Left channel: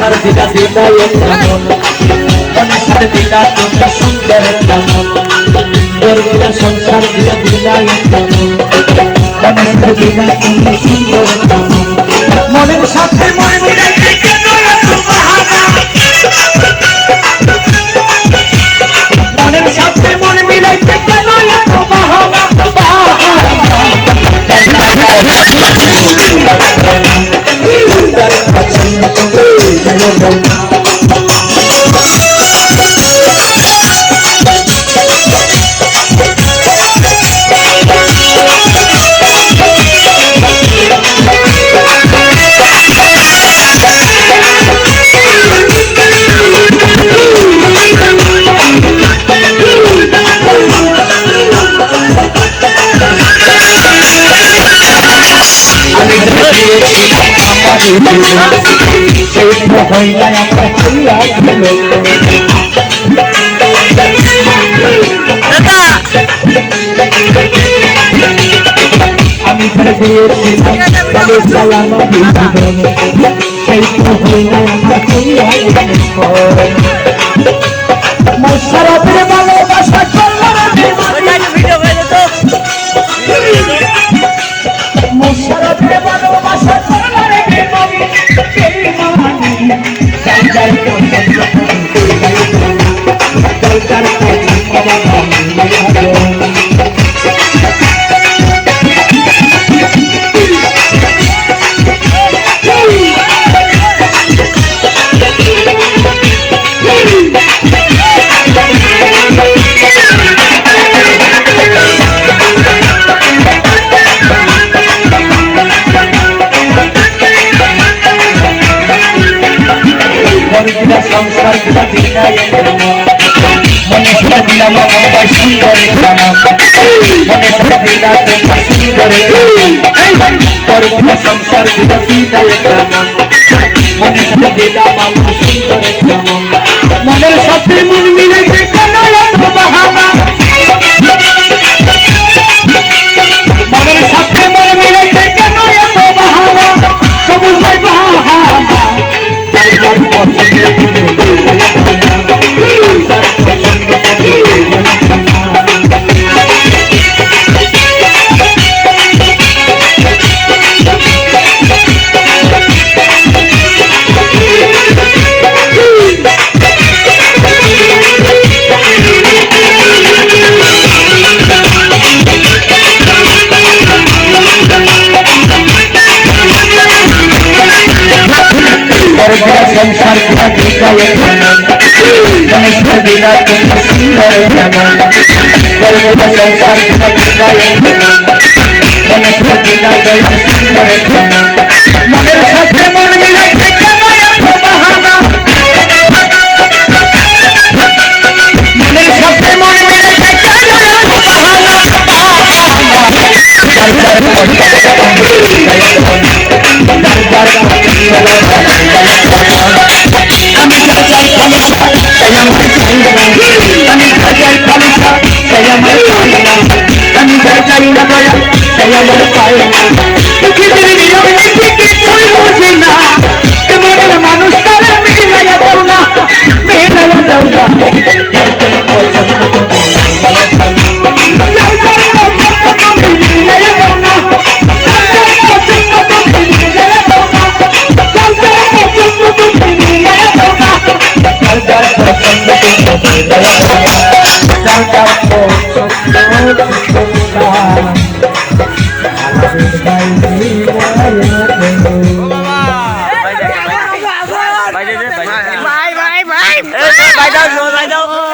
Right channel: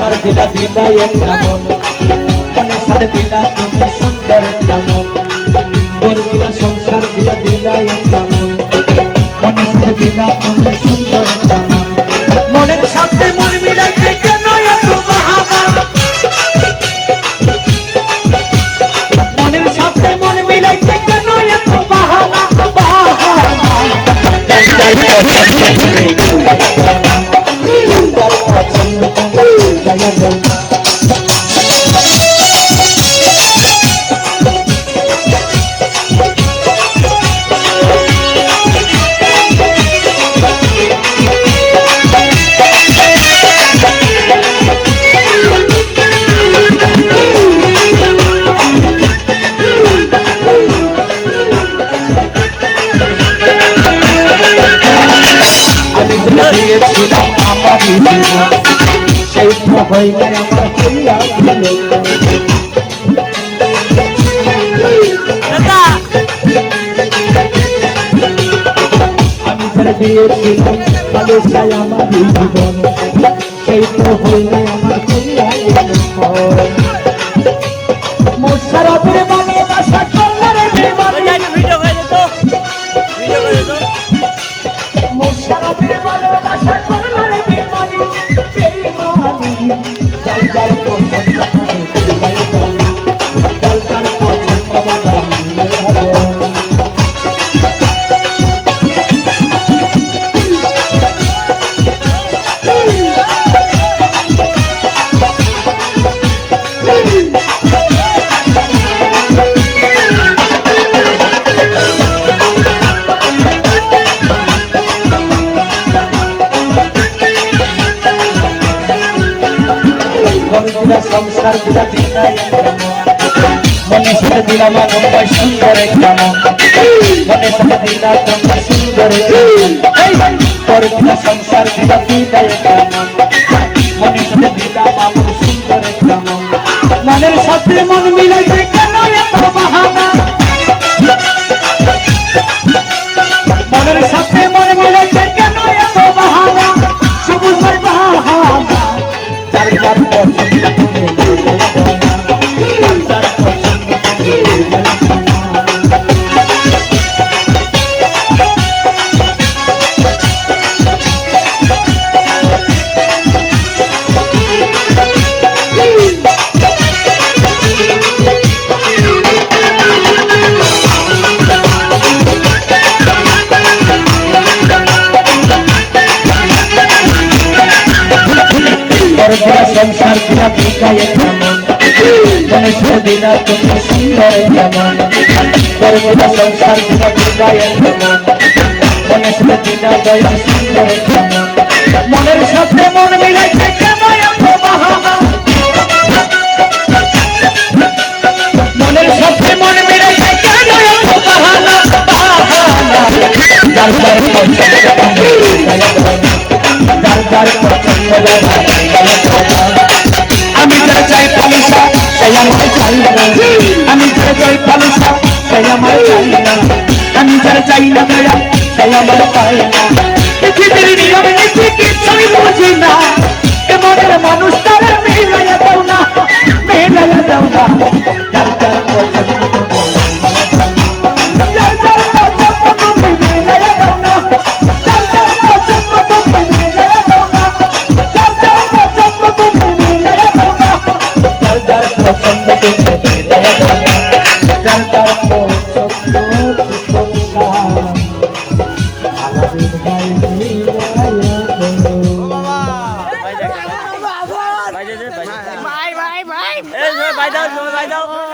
সংসার দিলা দিলা কেমন মনে সার দিলা তুমি সুন্দর কেমন গর্বিলা সংসার দিলা দিলা কেমন মনে সার দিলা তুমি সুন্দর কেমন মনের সাথে মন মিলাইতে কেন এত বাহানা মনের সাথে মন মিলাইতে কেন এত বাহানা মনের সাথে মন মিলাইতে কেন এত বাহানা মনের সাথে মন মিলাইতে কেন এত বাহানা সবুজ বাহানা মনের সাথে মন মিলাইতে কেন এত বাহানা মনের সাথে মন মিলাইতে কেন এত বাহানা আমি চাই খালিশা আমার চাই না আমি চাই খালিশা আমার চাই না আমি চাই না দয়া আমার চাই না পৃথিবীর নিয়ম নীতি কিছুই বুঝি না মনের মানুষ তারা মেলাইয়া দাও না মেলাইয়া দাও না Bye bye bye. Bye đâu rồi bye đâu.